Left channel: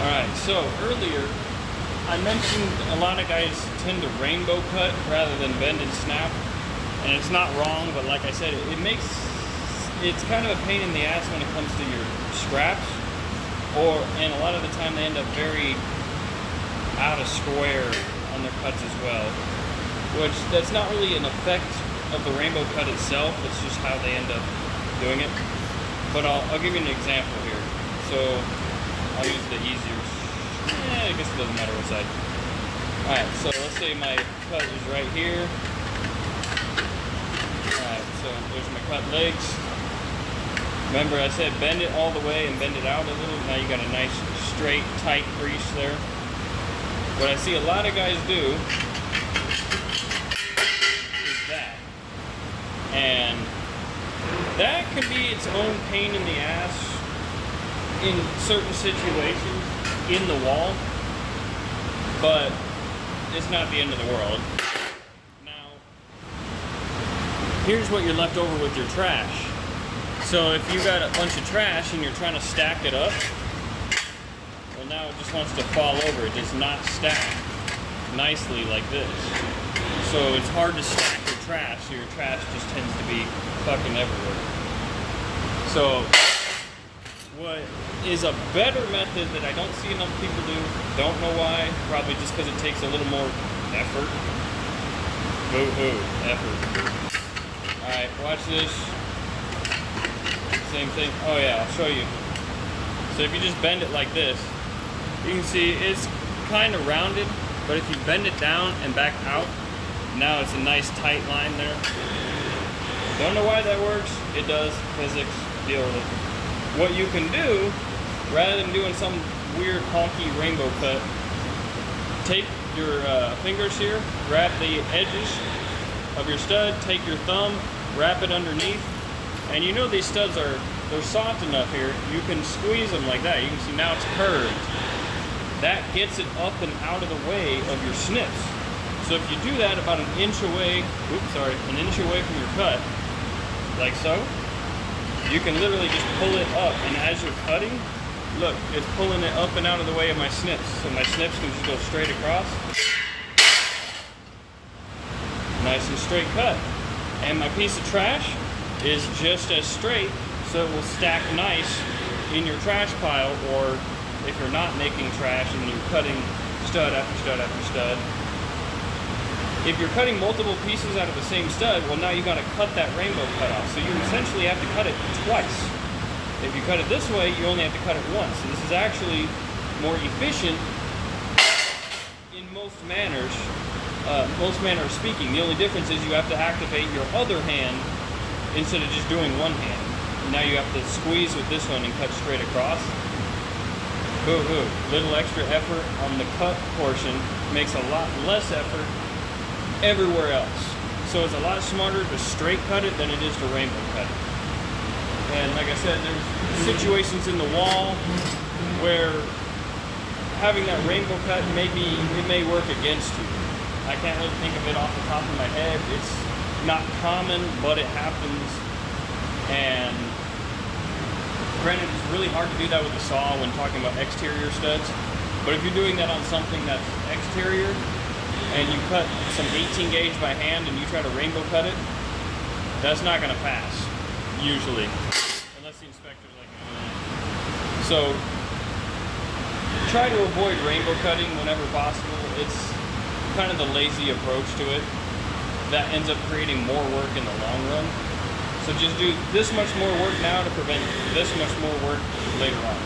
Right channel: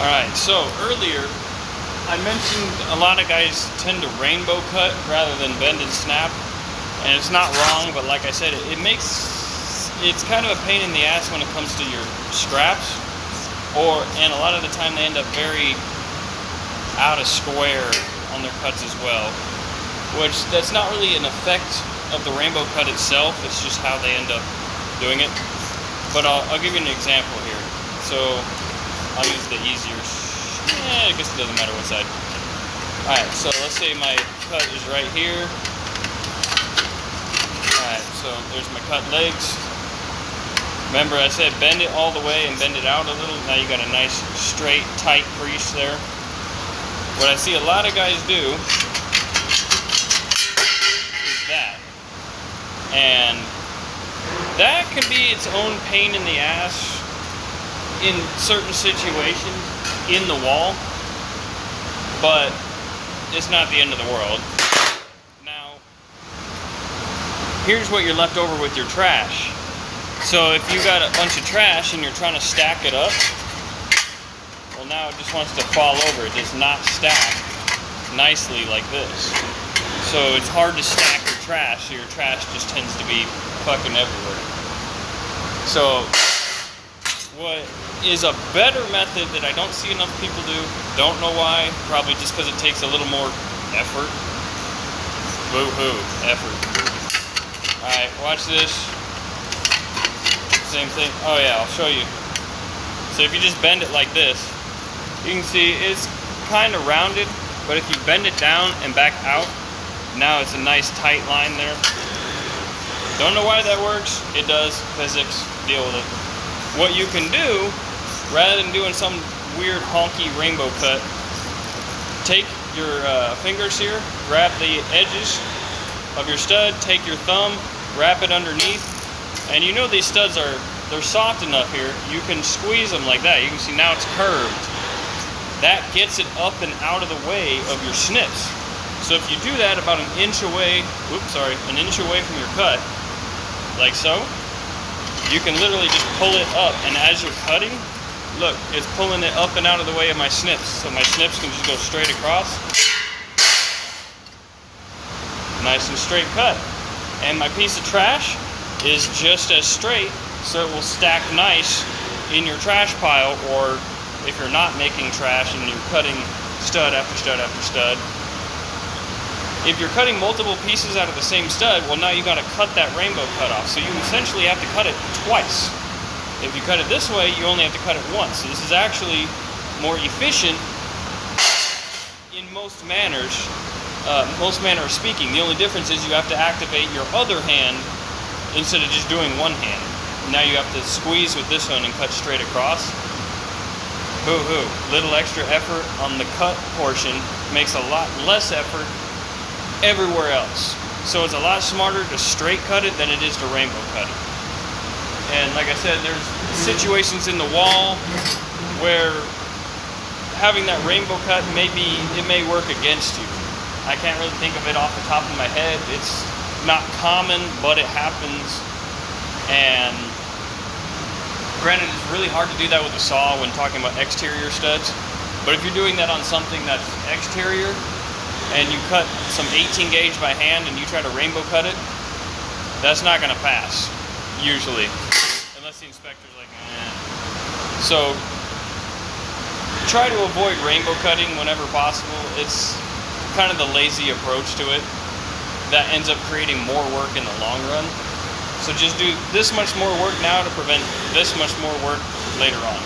Alright, so earlier I mentioned a lot of guys tend to rainbow cut rather than bend and snap, and it's not wrong, but like I said, it's kind of a pain in the ass when it comes to your scraps, and a lot of the time they end up very out of square on their cuts as well, which that's not really an effect of the rainbow cut itself, it's just how they end up doing it. But I'll give you an example here. So I'll use the easier, I guess it doesn't matter what side. Alright, so let's say my cut is right here. Alright, so there's my cut legs. Remember I said bend it all the way and bend it out a little. Now you got a nice straight tight crease there. What I see a lot of guys do is that. And that can be its own pain in the ass in certain situations in the wall, but it's not the end of the world. Now, here's what you're left over with your trash. So if you got a bunch of trash and you're trying to stack it up, well, now it just wants to fall over. It does not stack nicely like this. So it's hard to stack your trash, so your trash just tends to be fucking everywhere. So what is a better method that I don't see enough people do, don't know why, probably just because it takes a little more effort. Boo-hoo, effort. Alright, watch this. Same thing. Oh yeah, I'll show you. So if you just bend it like this, you can see it's kind of rounded, but if you bend it down and back out, now it's a nice tight line there. Don't know why that works. It does. Physics. Deal with it. What you can do, rather than doing some weird honky rainbow cut, take your fingers here, grab the edges of your stud, take your thumb, wrap it underneath, and you know these studs they're soft enough here, you can squeeze them like that. You can see now it's curved. That gets it up and out of the way of your snips. So if you do that about an inch away from your cut, like so, you can literally just pull it up, and as you're cutting, look, it's pulling it up and out of the way of my snips, so my snips can just go straight across. Nice and straight cut. And my piece of trash is just as straight, so it will stack nice in your trash pile, or if you're not making trash and you're cutting stud after stud after stud. If you're cutting multiple pieces out of the same stud, well, now you got to cut that rainbow cut off. So you essentially have to cut it twice. If you cut it this way, you only have to cut it once. So this is actually more efficient in most manners speaking. The only difference is you have to activate your other hand instead of just doing one hand. Now you have to squeeze with this one and cut straight across. Boo-hoo. Little extra effort on the cut portion makes a lot less effort everywhere else. So it's a lot smarter to straight cut it than it is to rainbow cut it. And like I said, there's situations in the wall where having that rainbow cut it may work against you. I can't really think of it off the top of my head. It's not common, but it happens. And granted, it's really hard to do that with a saw when talking about exterior studs. But if you're doing that on something that's exterior, and you cut some 18 gauge by hand and you try to rainbow cut it, that's not going to pass, usually. Unless the inspector's like, eh. So, try to avoid rainbow cutting whenever possible. It's kind of the lazy approach to it that ends up creating more work in the long run. So just do this much more work now to prevent this much more work later on.